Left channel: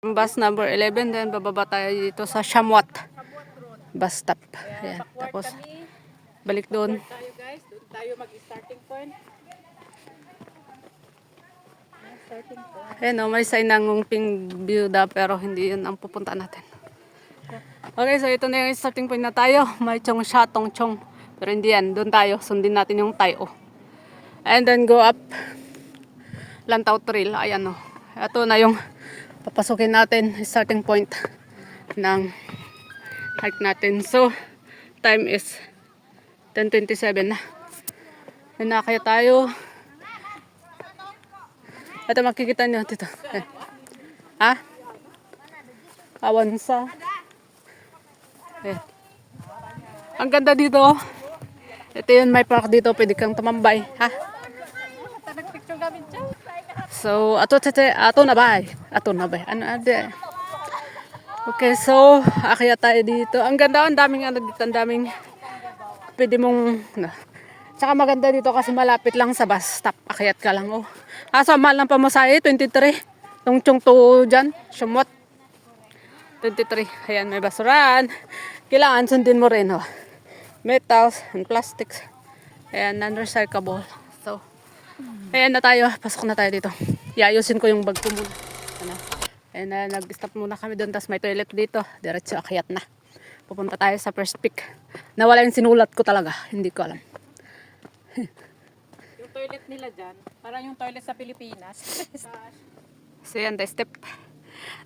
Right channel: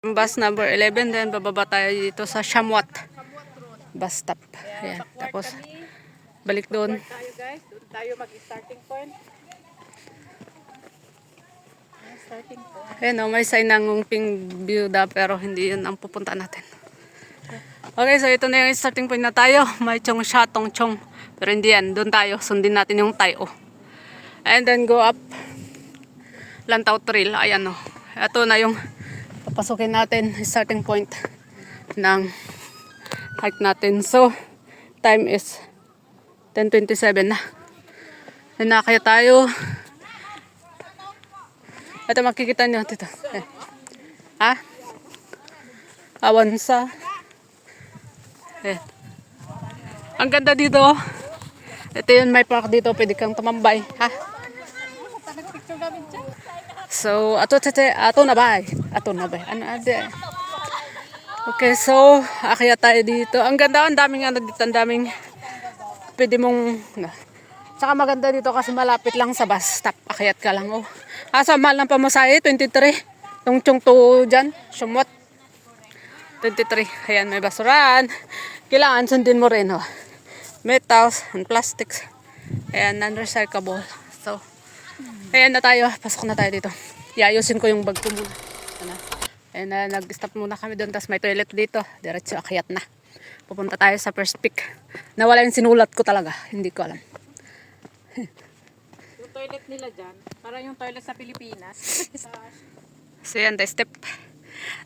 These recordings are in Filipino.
Bus number 11, then bababa tayo dito sa Shamwat bus stop. Ayan. Tapos balik doon. Tayo guys, doon tayo mag-starting point. Ayan o, may sign ng Ngungping Byuda pero hindi yun ang pupunta natin. Okay, so ito na yung starting point na tayo. May Chong Sha Tong Chong. Pero hindi yan, doon tayo. Sundin natin yung Tayo. And then go up Lantau Trail. Ayan o. Ito na yung papasukin natin starting point ng hike natin. So, time is 10:27 na. Na kaya tayo. Ito makikita nyo dito. Eh. Ha? Awansa. Eh. Ang ganda dito. Ito yun, may park dito. Pwede kang tumambay. Ha? So, ato na ba? Ato na ba? Ano ade? Okay, so, akyat tayo dito. Ang ganda, ang daming ano dito, ang daming pwede mong, tsaka maganda dito kasi malapit lang sa bus stop. Akyat ka lang, oh. Asa, mahal ng pamasahe, 23. Tungchong to dyan, Sumot. 23. Ayan, may basuran. Kailangan sundin mo rin, oh. Metals and plastics. Ayan, non-recyclable. So, ayan na tayo. Pasok na tayo dito. Iayusin ko yung bag ko muna. Ano? Ayan na, nag-stop muna kami doon. Tapos may toilet dito. Diretso, akyat na. Pupunta tayo sa first peak. Nawala yung sinulat ko talaga. Hindi ko alam. Yung toilet nila dyan, parang yung toilet sa Pilipinas. So yan, the step.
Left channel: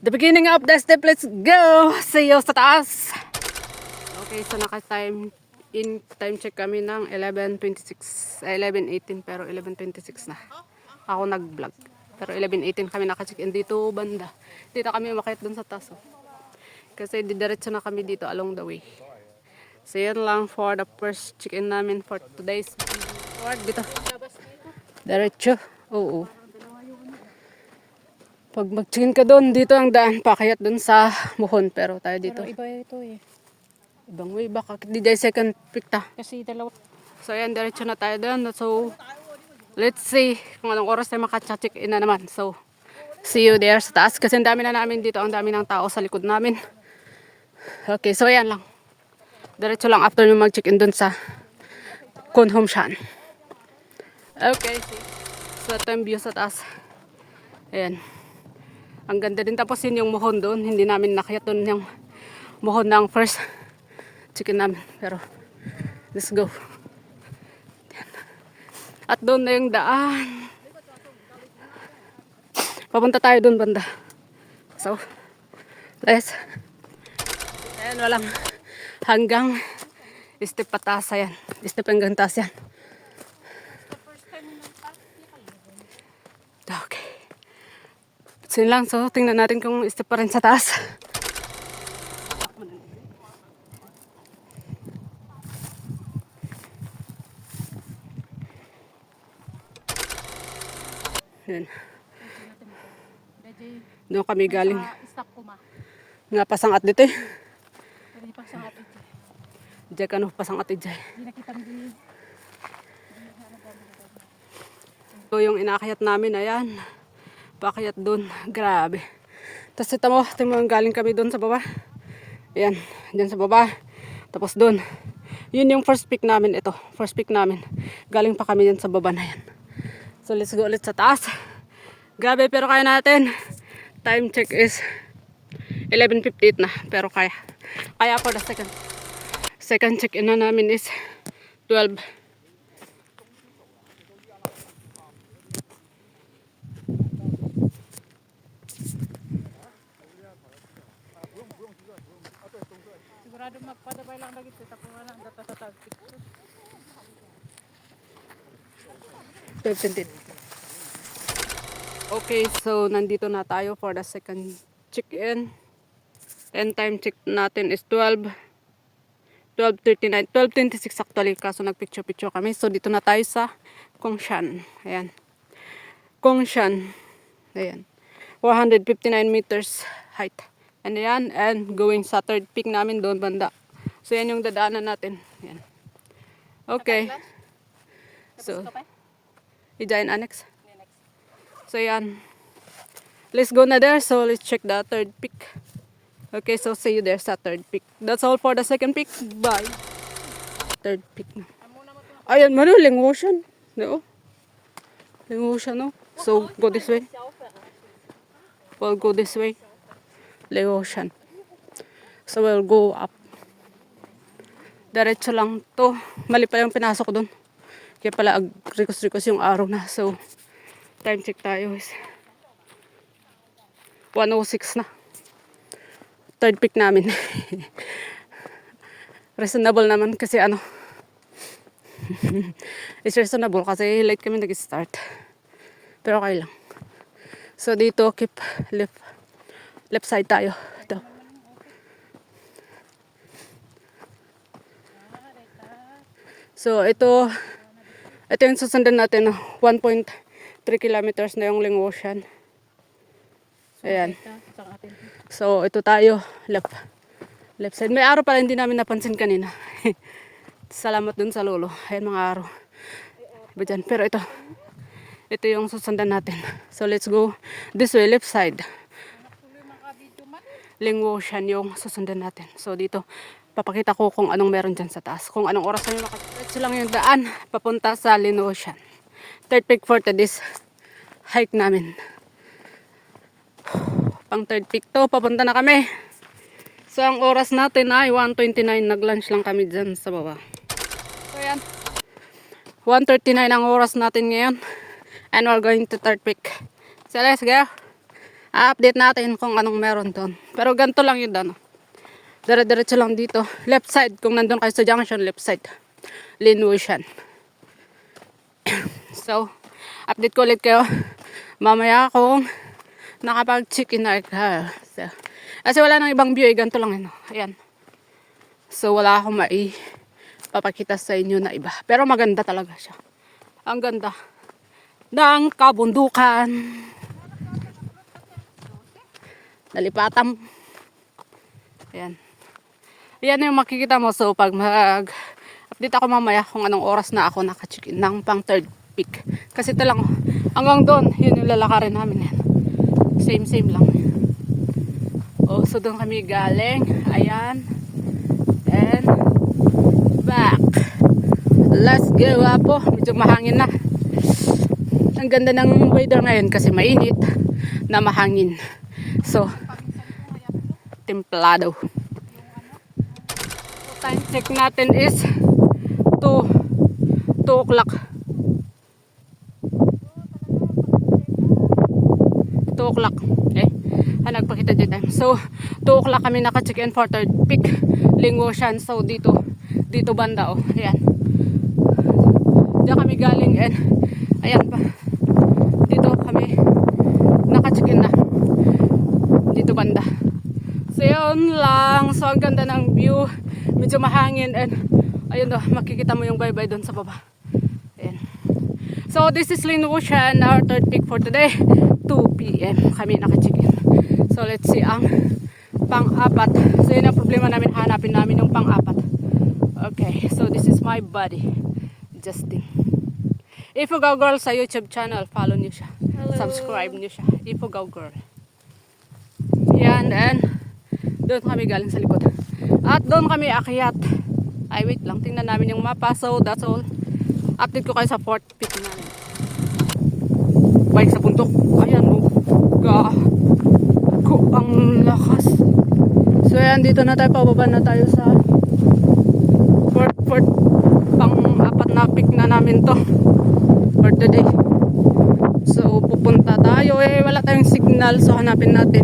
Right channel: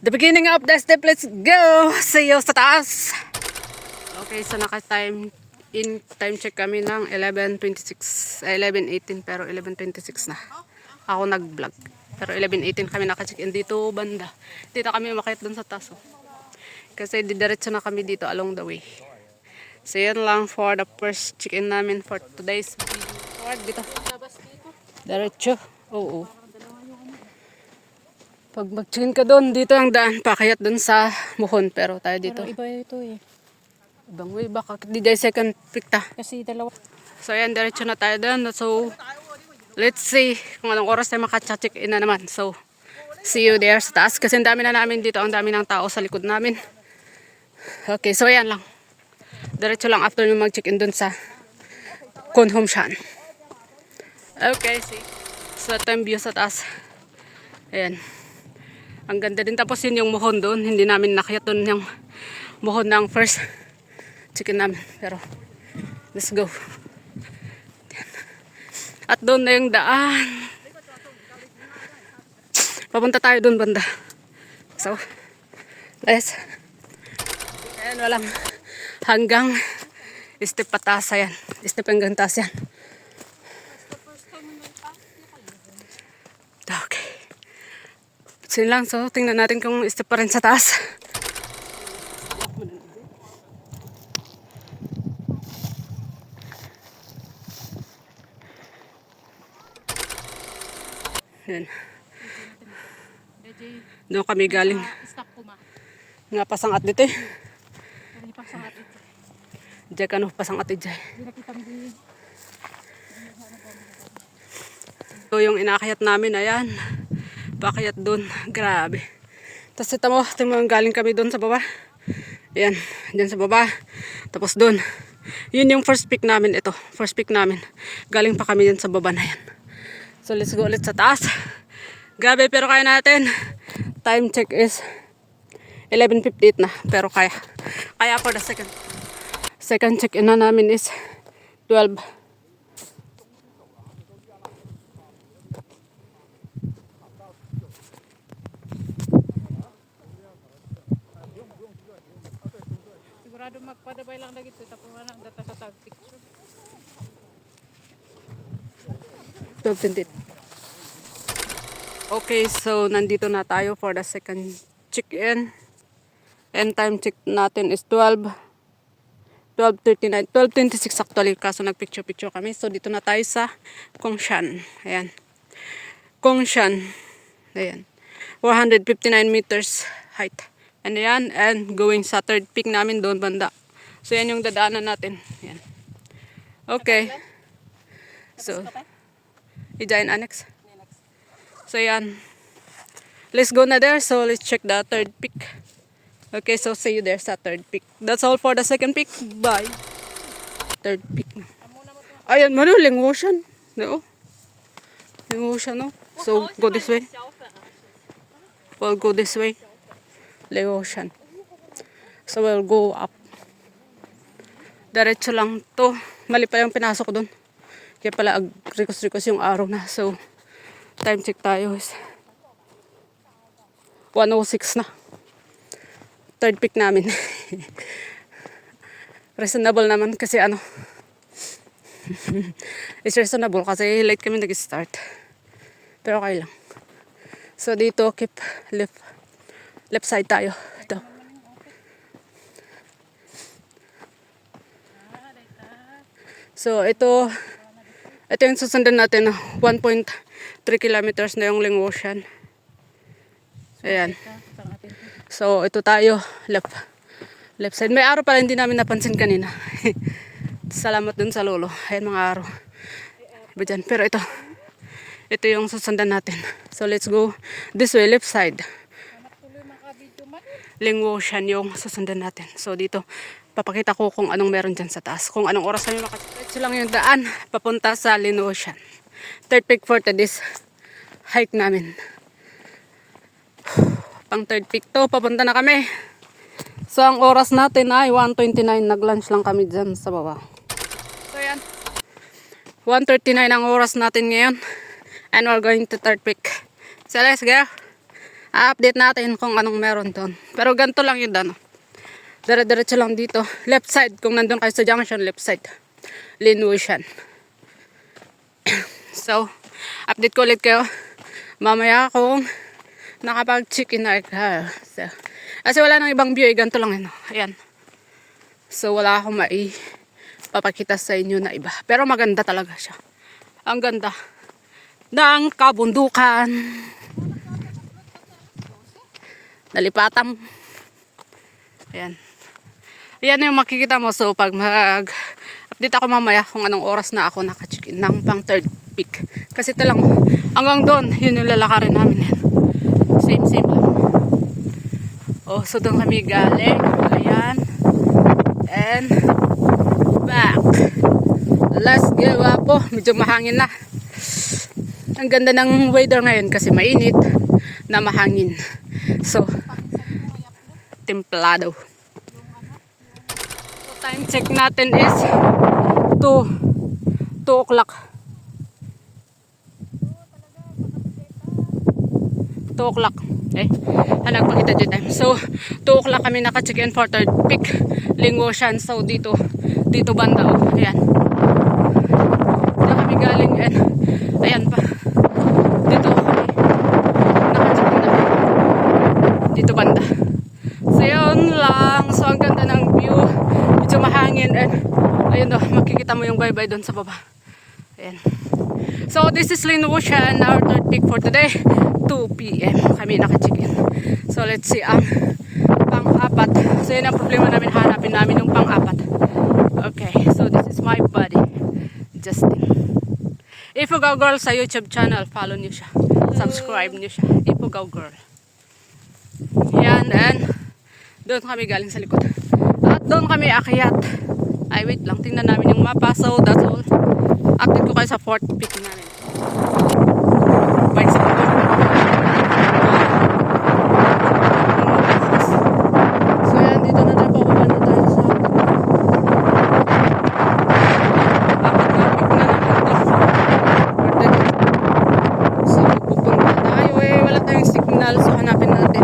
The beginning of the step. Let's go! See you sa taas! Okay, so naka-time check kami ng 11:26, 11:18 pero 11:26 na. Ako nag-vlog. Pero 11:18 kami naka-check-in dito banda. Dito kami umakyat dun sa taso. Kasi didiretso na kami dito along the way. So yan lang for the first check-in namin for today's video. Diretso. Oo. Pag mag-check-in ka doon, dito ang daan. Pakayat doon sa Muhon. Pero tayo dito. Pero iba ito eh. Ibang way, baka di dahil second pick ta. Kasi dalawa. So ayan, diretso na tayo doon. So, let's see kung anong oras tayo makacheck in na naman. So, see you there sa taas. Kasi ang dami na namin dito. Ang dami ng tao sa likod namin. Okay, so ayan lang. Diretso lang after yung mag-check in doon sa Kunhom Shan. Okay, see. So, ito yung view sa taas. Ayan. Ang ganda din. Tapos yun yung Muhon doon. Hindi namin nakayat doon yung Muhon ng first chicken namin. Pero, let's go. At doon na yung daan. Papunta tayo doon banda. So, let's. Ayan, walang hanggang step pataas yan. Step hanggang taas yan. Okay. So, lang. So, tingnan natin kung step pa rin sa taas. Yan. Doon kami galing. Nga pasangat dito eh. Diyan ka no, pasangat dito. So yung inakyat namin, ayan. Pakyat doon. Grabe. Tapos ito mo, galing kami doon sa baba. Ayan, dyan sa baba. Tapos doon. Yun yung first pick namin ito. First pick namin. Galing pa kami dyan sa baba na yan. So let's go ulit sa taas. Grabe pero kaya natin. Time check is 11:58 na. Pero kaya. Kaya for the second check in na namin is 12. Sigurado magpadabay lang lagi ito. Tapos lang dito sa picture. 12:28. Okay, so nandito na tayo for the second check-in. And time check natin is 12:39, 12:26 actually. Kaso nagpicture-picture kami. So dito na tayo sa Kongshan. Ayan. Kongshan. Ayan. 459 meters height. And ayan, and going sa third peak namin doon banda. So yan yung dadaanan natin. Ayan. Okay. So, i-join annex. So yan. let's go na there. So let's check the third peak. Okay, so see you there sa third peak. That's all for the second peak. Bye. Third peak. Ayan, manuling ocean. No? Yung ocean, no? So, go this way. We'll go this way. The ocean. So, we'll go up. Diretso lang to. Mali pa yung pinasok doon. Kaya pala rikos-rikos yung araw na. So, time check tayo is 1:06 na. Third peak namin. Reasonable naman kasi ano. It's reasonable kasi late kami nag-start. Pero okay lang. So dito keep left side tayo. Ito. So ito yung susundan natin. 1.3 kilometers na yung Ling Ocean. Ayan. So ito tayo left side. May araw pala hindi namin napansin kanina. Salamat dun sa lolo. Ayan mga araw. Iba dyan. Pero ito yung susundan natin. So let's go this way, left side. Ling Ocean yung susundan natin. So dito, papakita ko kung anong meron dyan sa taas. Kung anong oras namin makatapos lang yung daan papunta sa Ling Ocean. Third peak for today's hike namin. Pang third peak to, papunta na kami. So ang oras natin ay 1:29. Nag-lunch lang kami dyan sa baba. So yan. 1:39 ang oras natin ngayon. And we're going to third peak. So let's go. Update natin kung anong meron doon. Pero ganito lang yun doon. Dire-diretso lang dito. Left side. Kung nandun kayo sa junction, left side. Ling Ocean. So, update ko ulit kayo. Mamaya kung nakapag-chicken na ka. So, kasi wala nang ibang view. Ganito lang yun. Ayan. So, wala akong papakita sa inyo na iba. Pero maganda talaga siya. Ang ganda ng kabundukan. Nalipatan. Ayan. Ayan yung makikita mo. So, pag mag-update ako mamaya kung anong oras na ako naka-check-in ng pang third peak. Kasi ito lang. Hanggang doon, yun yung lalakarin namin. Yan. Same lang. Oh, so doon kami galing. Ayan. And back. Let's go, wapo. Medyo mahangin na. Ang ganda ng weather ngayon kasi mainit na mahangin. So, templado. So, time check natin is 2 o'clock. 2 o'clock. Nagpakita dyan time. So, 2 o'clock kami naka-check-in for third peak Ling Ocean. So, dito banda. Oh. Ayan. Dito kami galing and ayan pa. Dito kami naka-check-in na. Dito banda. So, yun lang. So, ang ganda ng view. Medyo mahangin and ayun do, makikita mo yung bye-bye doon sa baba. Ayan. So, this is Ling Ocean, our third peak for today. 2 p.m. kami naka-check-in. So, let's see ang pang-apat. So, yun ang problema namin. Hanapin namin yung pang-apat. Okay. So, this is my buddy, Justin. Ifugaw Girl sa YouTube channel. Follow niyo siya. Subscribe niyo siya. Ifugaw Girl. Yan. And doon kami galing sa likod. At doon kami akyat. Ay, wait lang. Tingnan namin yung mapa. So, that's all. Update ko kayo sa fourth peak namin. Bike sa puto. Wow. So, yan. Dito na tayo. Pababa na tayo sa traffic na namin to. So, pupunta tayo. Wala tayong signal. So, hanapin natin.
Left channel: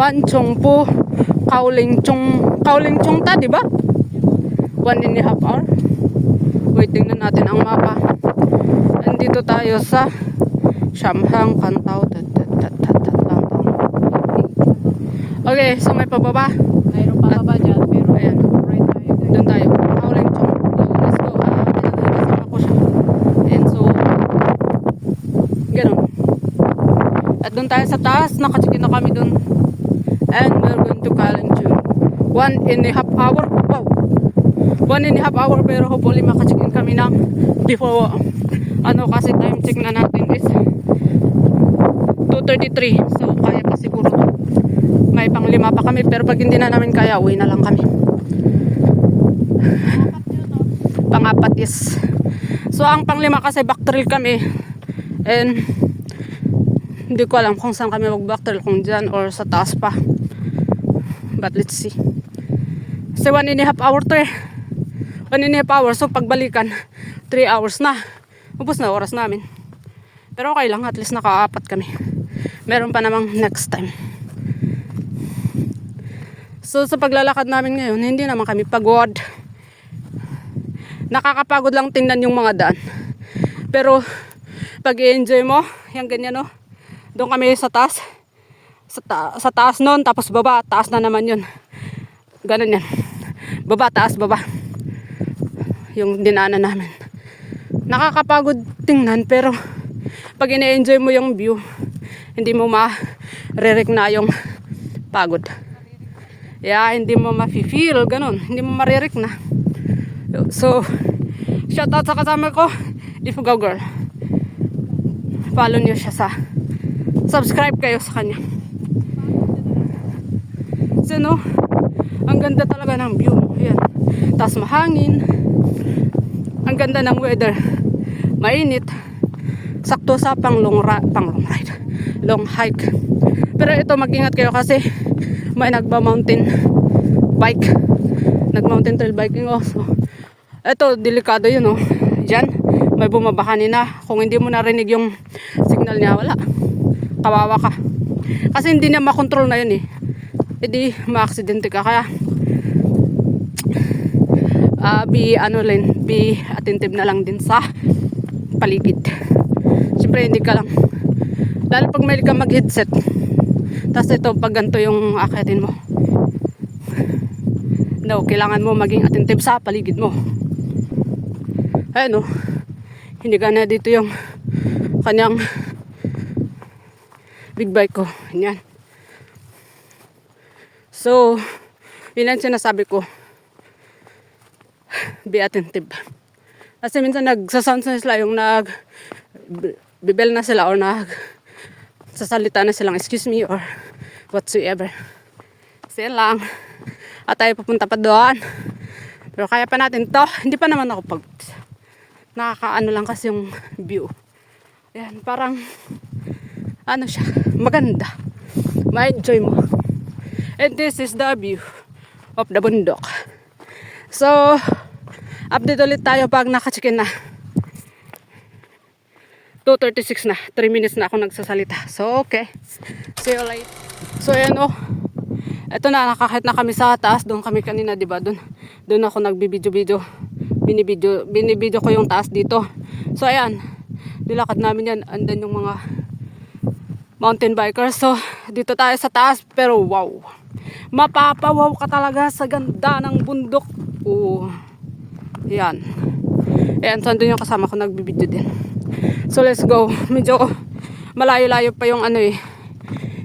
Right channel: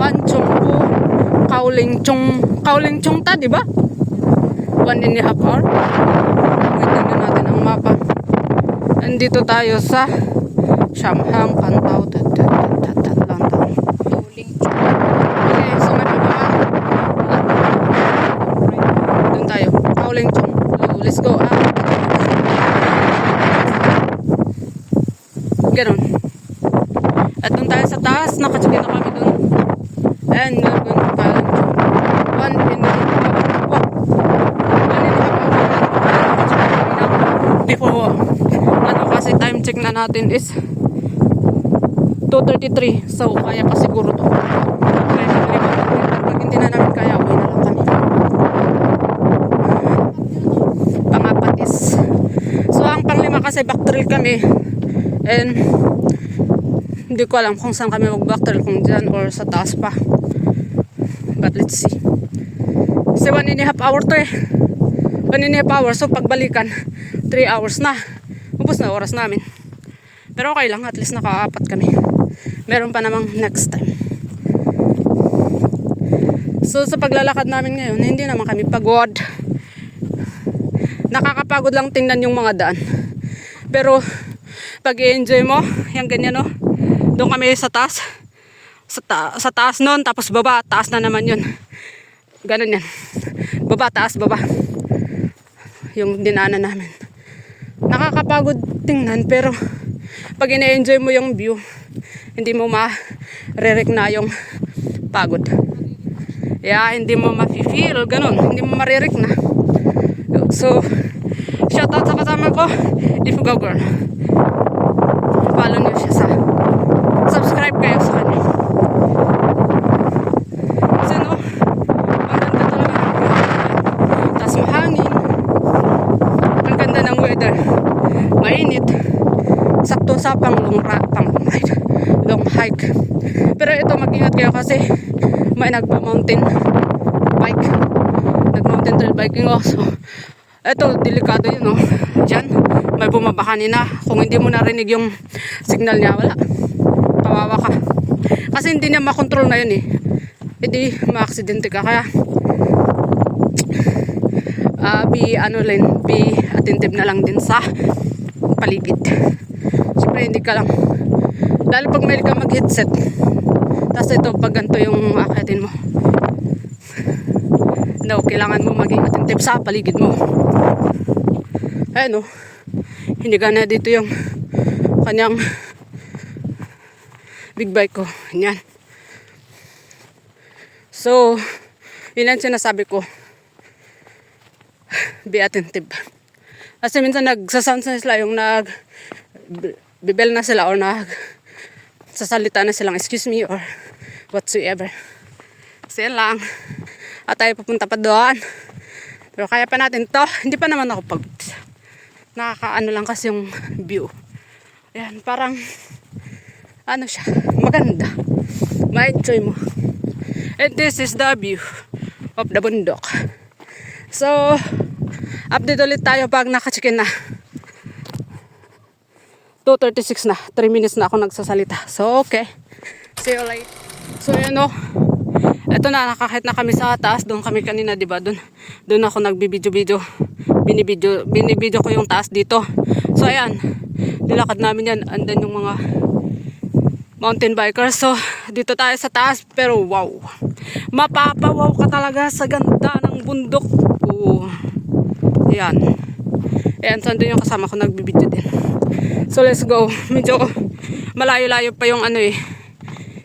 Manchongpu, Kaolingchong ta, di ba? 1.5 hour. Waiting na natin ang mapa. Andito tayo sa Shamhang Pantao. Okay, so may pababa. Doon tayo. Kaolingchong. Let's go. Ganun. At doon tayo sa taas. Nakacheck na kami doon. And we're going to Kaolingchong. 1.5 hour. Wow. 1.5 hour. Pero nakacheck na kami na before. Ano kasi time check na natin is 2:33. So, kaya pa siguro to. May pang-5 pa kami. Pero pag hindi na namin kaya, uwi na lang kami. Pang-4 is. So, ang pang-5 kasi back trail kami. And, hindi ko alam kung saan kami mag-back trail. Kung dyan or sa taas pa. But let's see. Kasi 1.5 hour to eh. 1.5 hour. So, pagbalikan, 3 hours na. Upos na oras namin. Pero okay lang. At least naka-4 kami. Meron pa namang next time. So, sa paglalakad namin ngayon, hindi naman kami pagod. Nakakapagod lang tingnan yung mga daan. Pero, pag i-enjoy mo, yung ganyan no. Doon kami sa taas. Sa taas nun, tapos baba, taas na naman yun. Ganun yan. Baba, taas, baba. Yung dinaanan namin. Nakakapagod tingnan, pero pag ina-enjoy mo yung view, hindi mo ma-re-rec na yung pagod. Yeah, hindi mo ma-feel, ganun. Hindi mo ma-re-rec na. So, shout out sa kasama ko, Ifugaw Girl. Follow niyo siya sa, subscribe kayo sa kanya. Kasi no, ang ganda talaga ng view. Tapos mahangin. Ang ganda ng weather. Mainit. Sakto sa long hike. Pero ito, mag-ingat kayo kasi may nagba-mountain bike. Nag-mountain trail biking also. Ito, delikado yun, oh. Diyan, may bumaba kanina. Kung hindi mo narinig yung signal niya, wala. Kawawa ka. Kasi hindi niya makontrol na yun, eh. Hindi, ma-aksidente ka. Kaya, be attentive na lang din sa paligid. Siyempre, hindi ka lang. Lalo pag may ka mag-headset. Tapos ito, pag ganito yung akitin mo. No, kailangan mo maging attentive sa paligid mo. Ayun, oh. Hindi ka na dito yung kanyang big bike ko. Yan. So, yun ang sinasabi ko. Be attentive. Kasi minsan nagsasound na sila yung bibel na sila or sasalita na silang excuse me or whatsoever. Kasi yan lang. At tayo pupunta pa doon. Pero kaya pa natin to. Hindi pa naman ako nakakaano lang kasi yung view. Ayan, parang ano siya, maganda. Ma-enjoy mo. And this is the view of the bundok. So, update ulit tayo pag naka-check-in na. 2:36 na. 3 minutes na ako nagsasalita. So, okay. See you later. So, ayan o. Ito na, nakakahit na kami sa taas. Doon kami kanina, diba? Doon ako nagbibidyo-video. Binibidyo ko yung taas dito. So, ayan. Nilakad namin yan. Andan yung mga mountain bikers. So, dito tayo sa taas. Pero, wow. Mapapawaw ka talaga sa ganda ng bundok. Oo. Ayan. Ayan, so andun yung kasama ko nagbibidyo din. So, let's go. Medyo malayo-layo pa yung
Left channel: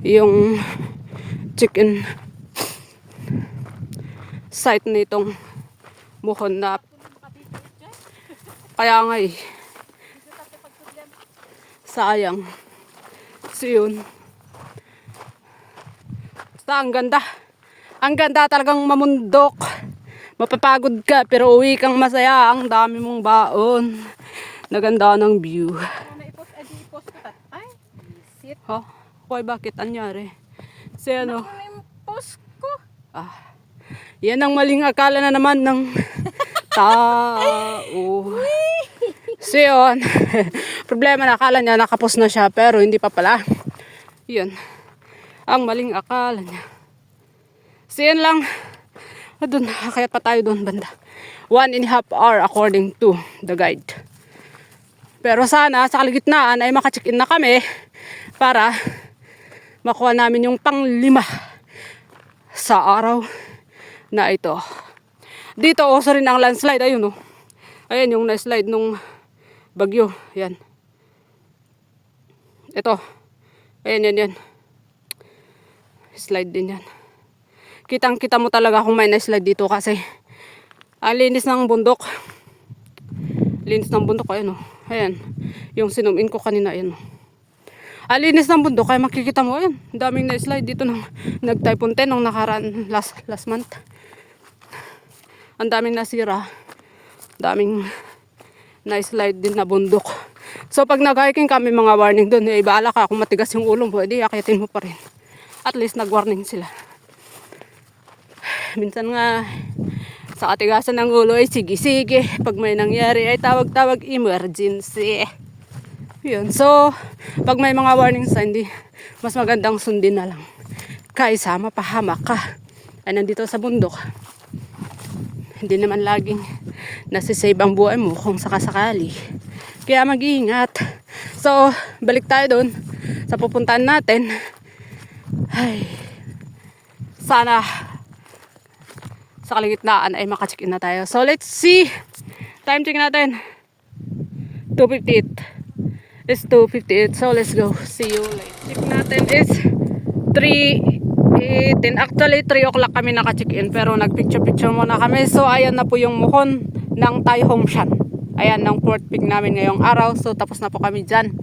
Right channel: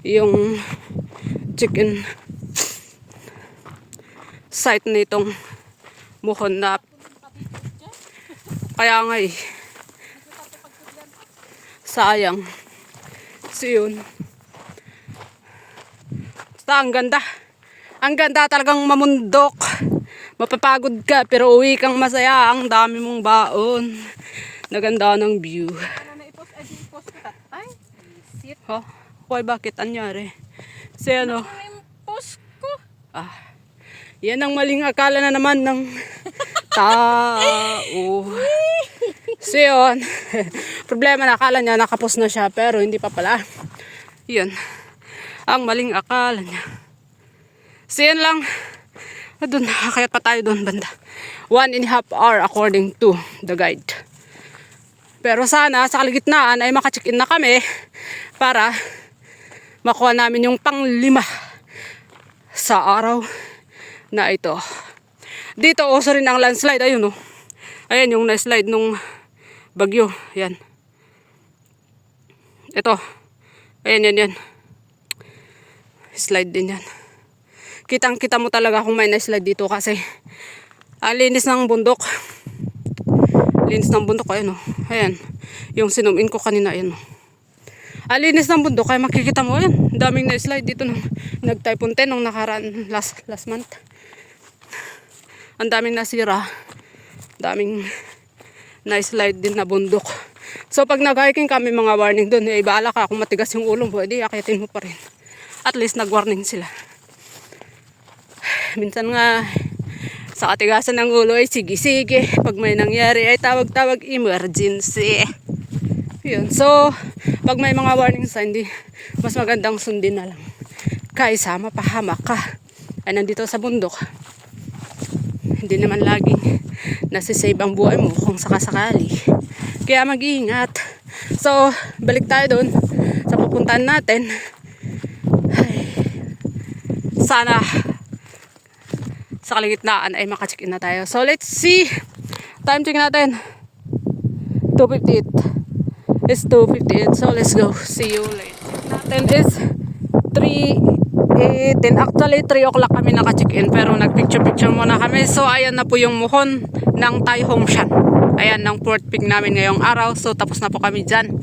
yung chicken site nitong muhon na kaya nga sayang. So yun. Basta ang ganda. Ang ganda talagang mamundok. Mapapagod ka pero uwi kang masaya. Ang dami mong baon. Naganda ng view. Oh, okay, bakit? Anyari? Kasi ano? Yan ang maling akala na naman ng tao. So yun. Problema na akala niya nakapos na siya pero hindi pa pala. Yun. Ang maling akala niya. So yun lang. Doon, kaya pa tayo doon banda. 1.5 hour according to the guide. Pero sana sa kalagitnaan ay maka-check-in na kami para makuha namin yung pang-5 sa araw na ito. Dito also rin ang landslide. Ayun oh. Ayan yung na-slide nung bagyo. Yan. Ito. Ayan yan. Slide din yan. Kitang-kita mo talaga kung may na-slide dito kasi ang linis ng bundok. Linis ng bundok. Ayan oh. Ayan. Yung sinum-in ko kanina. Ayan oh. Alinis ng bundok, kaya makikita mo yan. Daming na-slide dito nung nag-typhoon 10 nung nakaraan last month. Ang daming nasira. Daming na-slide din na bundok. So pag nag-hiking kami, mga warning doon, eh baala ka kung matigas yung ulo mo, edi akitin mo pa rin. At least nag-warning sila. Minsan nga sa katigasan ng ulo ay sige-sige. Pag may nangyari ay tawag-tawag emergency. Yun. So, pag may mga warning sign, mas magandang sundin na lang. Kaysa mapahamak ka. Ay nandito sa bundok. Hindi naman laging nasisave ang buhay mo kung sakasakali. Kaya mag-iingat. So, balik tayo doon sa pupuntahan natin. Ay, sana sa kaligitnaan ay makacheck-in na tayo. So, let's see. Time check natin. 2:58. It's 2:58. So, let's go. See you later. Check natin is 3:18. Actually, 3 o'clock kami naka-check-in. Pero nag-picture-picture muna kami. So, ayan na po yung muhon ng Tai Hom Shan. Ayan, ng fourth peak namin ngayong araw. So, tapos na po kami dyan.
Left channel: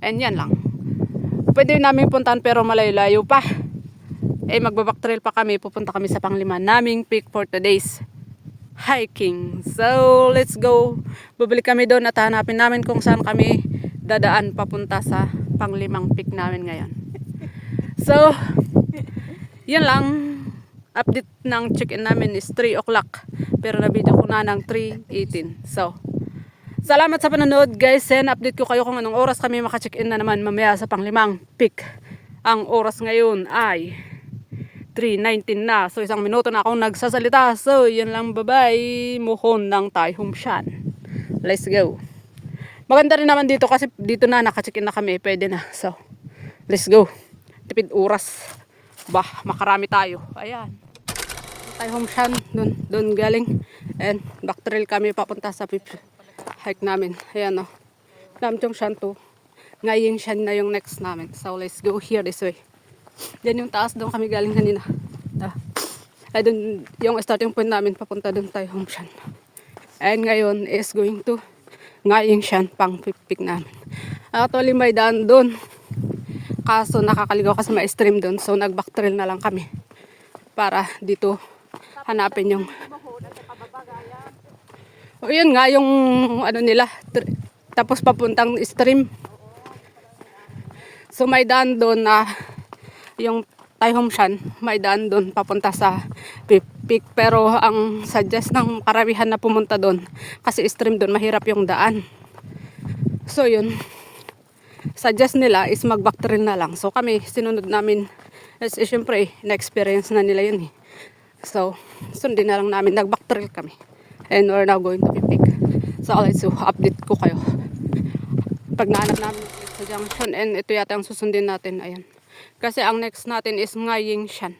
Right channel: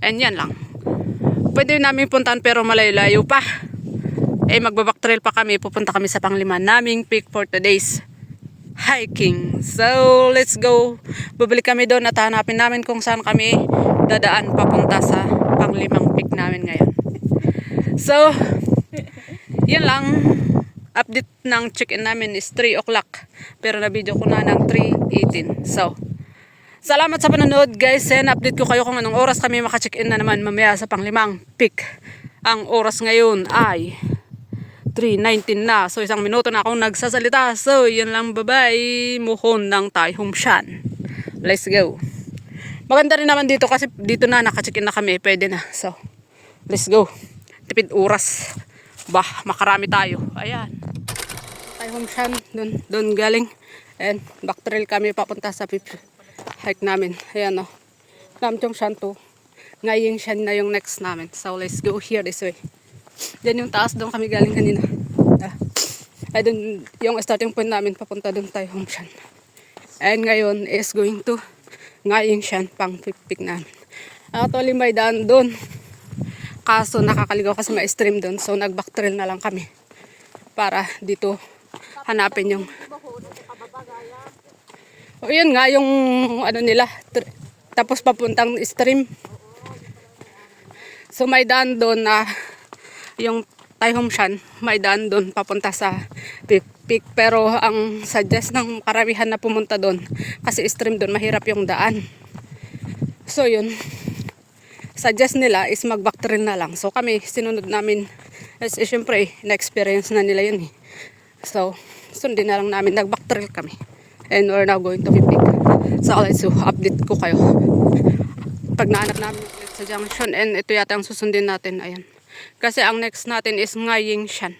And yan lang. Pwede namin puntahan pero malayo-layo pa. Eh, magbaback trail pa kami. Pupunta kami sa panglima naming peak for today's hiking. So, let's go. Babalik kami doon at hanapin namin kung saan kami dadaan papunta sa panglimang peak namin ngayon. So, yan lang. Update ng check-in namin is 3 o'clock. Pero na-video ko na ng 3:18. So, salamat sa panonood guys. And update ko kayo kung anong oras kami maka-check-in na naman mamaya sa panglimang peak. Ang oras ngayon ay 3:19 na. So, 1 minuto na akong nagsasalita. So, yun lang. Bye-bye. Muhon ng Tai Hom Shan. Let's go. Maganda rin naman dito kasi dito na naka-check-in na kami. Pwede na. So, let's go. Tipid oras. Bah, makarami tayo. Ayan. Tai Hom Shan. Doon galing. And back trail kami papunta sa hike namin. Ayan o. Nam Chong Shan to. Ngayong Shan na yung next namin. So, let's go here this way. Yan yung taas, doon kami galing kanina. Ay, doon yung starting point namin papunta doon Tai Hom Shan. And ngayon is going to Ngayong Shan pang pipik namin. Actually may daan doon. Kaso nakakaligaw kasi may stream doon. So nag back trail na lang kami. Para dito hanapin yung. O yun nga yung ano nila. Tapos papuntang stream. So may daan doon na yung Tai Hom Shan, may daan doon papunta sa peak. Pero ang suggest ng karamihan na pumunta doon, kasi stream doon, mahirap yung daan. So yun, suggest nila is mag-back trail na lang. So kami, sinunod namin, kasi syempre, na-experience na nila yun eh. So, sundin na lang namin, nag-back trail kami. And we're now going to peak. So let's update ko kayo. Pag nahanap namin sa junction, and ito yata ang susundin natin, ayan. Kasi ang next natin is Ngayong Shan.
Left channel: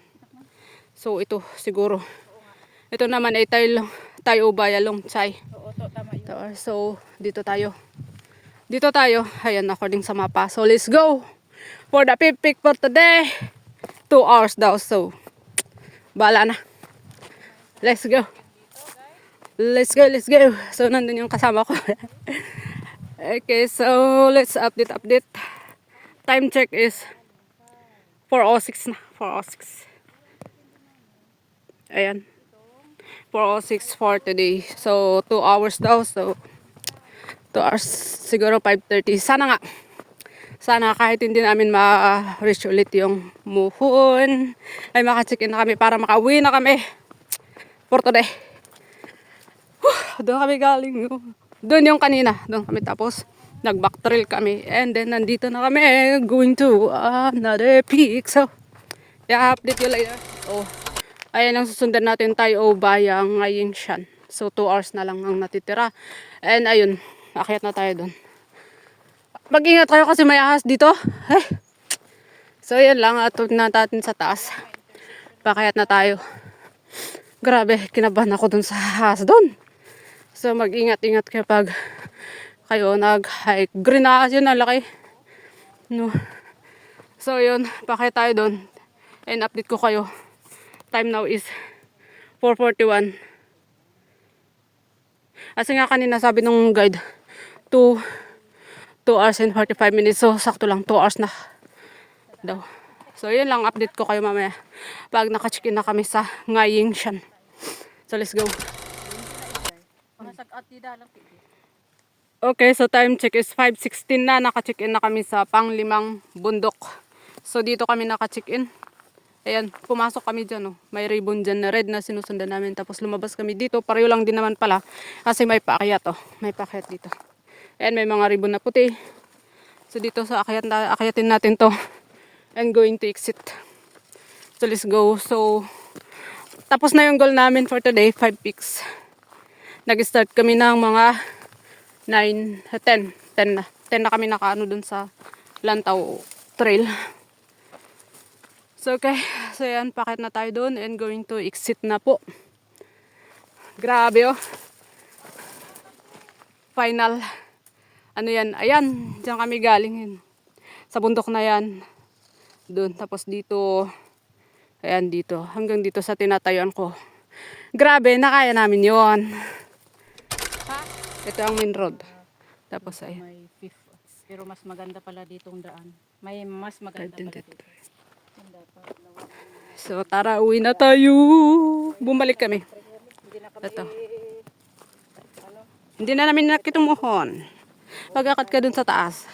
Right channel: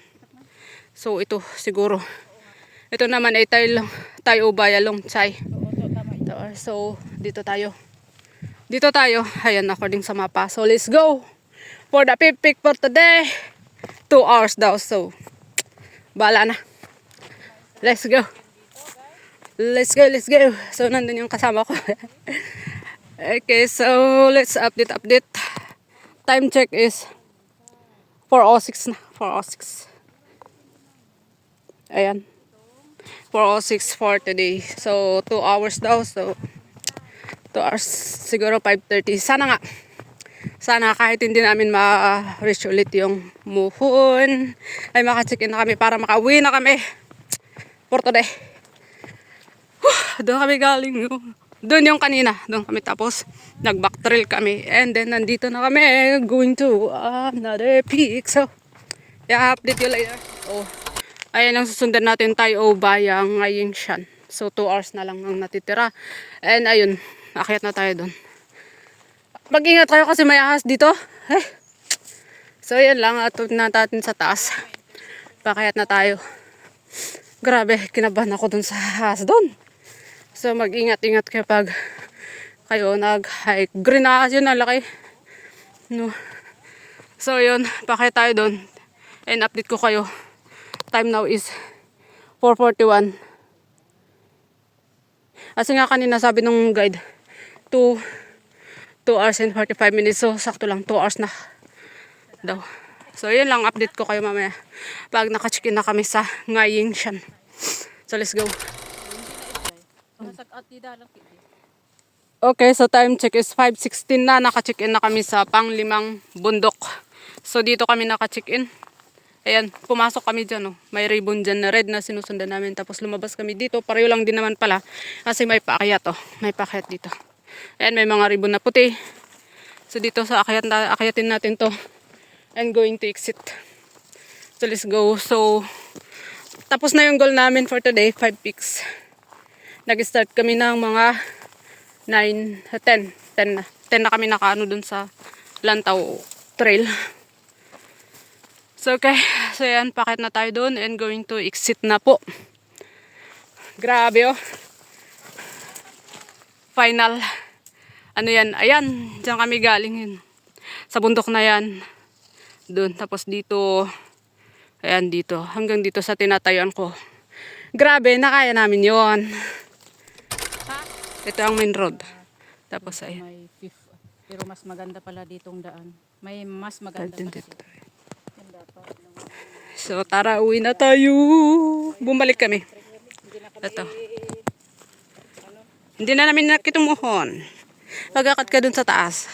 So ito siguro. Ito naman ay tayo Ubaya Long Chai. So dito tayo. Dito tayo. Ayan according sa mapa. So let's go. For the peak for today. 2 hours daw. So bahala na. Let's go. Let's go. Let's go. So nandun yung kasama ko. Okay, so let's update. Time check is 4:06 na. 4:06. Ayan. 4:06 for today. So, 2 hours daw. So, 2 hours. Siguro 5:30. Sana nga. Sana kahit hindi namin ma-reach ulit yung muhon. Ay maka-check-in na kami para makauwi na kami. For today. Doon kami galing. Doon yung kanina. Doon kami tapos. Nag-back trail kami. And then, nandito na kami. Going to another peak. So, i-update ko lang yan. Oh. Ayan ang susundan natin tayo Ubaya Ngayong Shan. So 2 hours na lang ang natitira. And ayun, akyat na tayo doon. Mag-ingat kayo kasi may ahas dito. So yan lang, atod na natin sa taas. Pakyat na tayo. Grabe, kinabahan ako doon sa ahas doon. So mag-ingat-ingat kapag kayo nag-hike. Green ahas yun, laki. No. So yun, pakyat tayo doon. And update ko kayo. Time now is 4:41. Kasi nga kanina sabi ng guide, 2 2 hours and 45 minutes. So, sakto lang. 2 hours na daw. So, yun lang. Update ko kayo mamaya. Pag naka-check-in na kami sa Ngaying Shan. So, let's go. Okay, so time check is 5:16 na. Naka-check-in na kami sa pang-5 bundok. So, dito kami naka-check-in. Ayan, pumasok kami dyan. Oh. May ribbon dyan na red na sinusundan namin. Tapos lumabas kami dito. Pareho lang din naman pala. Kasi may paakyat. Oh. May paakyat dito. Ayan, may mga ribbon na puti. So, dito sa akyatin natin to. I'm going to exit. So, let's go. So, tapos na yung goal namin for today. 5 peaks. Nag-start kami ng mga 10 na. 10 na kami nakaano dun sa Lantaw Trail. So, okay. So, yan. Pakit na tayo dun and going to exit na po. Grabe, oh. Final. Ano yan? Ayan. Diyan kami galing yun. Sa bundok na yan. Dun. Tapos dito. Ayan, dito. Hanggang dito sa tinatayuan ko. Grabe. Nakaya namin yon. Ito ang main road. Tapos ayan. May fifth. Pero mas maganda pala ditong daan. May mas maganda pala dito. So tara, uwi na tayo. Bumalik kami. Ito. Hindi na namin nakitumuhon. Magakad ka dun sa taas.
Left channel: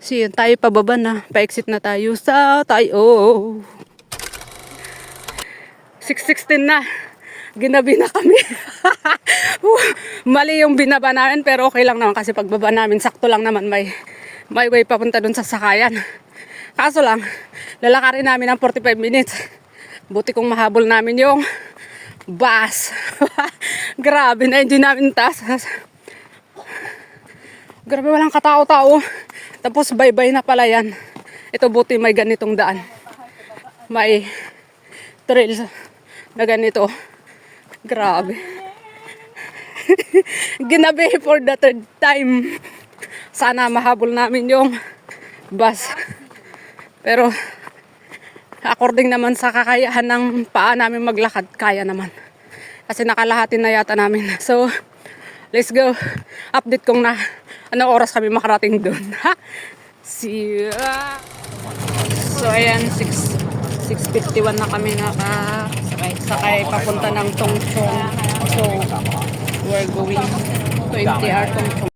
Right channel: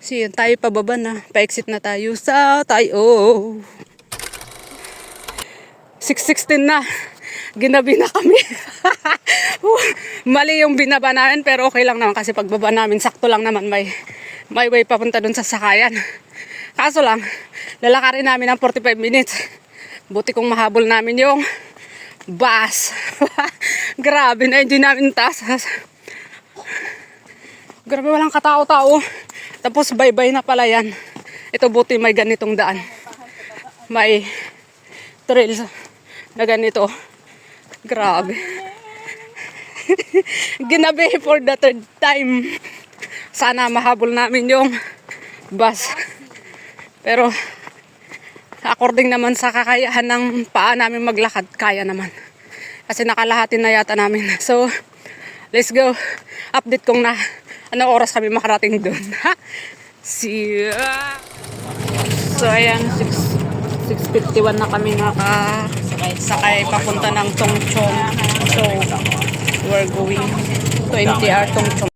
So yun, tayo pababa na. Pa-exit na tayo sa tayo. 6:16 na. Ginabi na kami. Mali yung binaba namin pero okay lang naman kasi pagbaba namin sakto lang naman may way papunta dun sa sakayan. Kaso lang, lalakarin namin ng 45 minutes. Buti kong mahabol namin yung bus. Grabe na, hindi namin taas. Grabe, walang katao-tao. Tapos bye-bye na pala yan. Ito buti may ganitong daan. May trails na ganito. Grabe. Ginabi for the third time. Sana mahabol namin yung bus. Pero according naman sa kakayahan ng paa namin maglakad, kaya naman. Kasi nakalahati na yata namin. So, let's go. Update kong na anong oras kami makarating doon. See ya! So, ayan, 6:51 na kami nakasakay papunta ng Tongchong. So, we're going 20 hour Tongchong.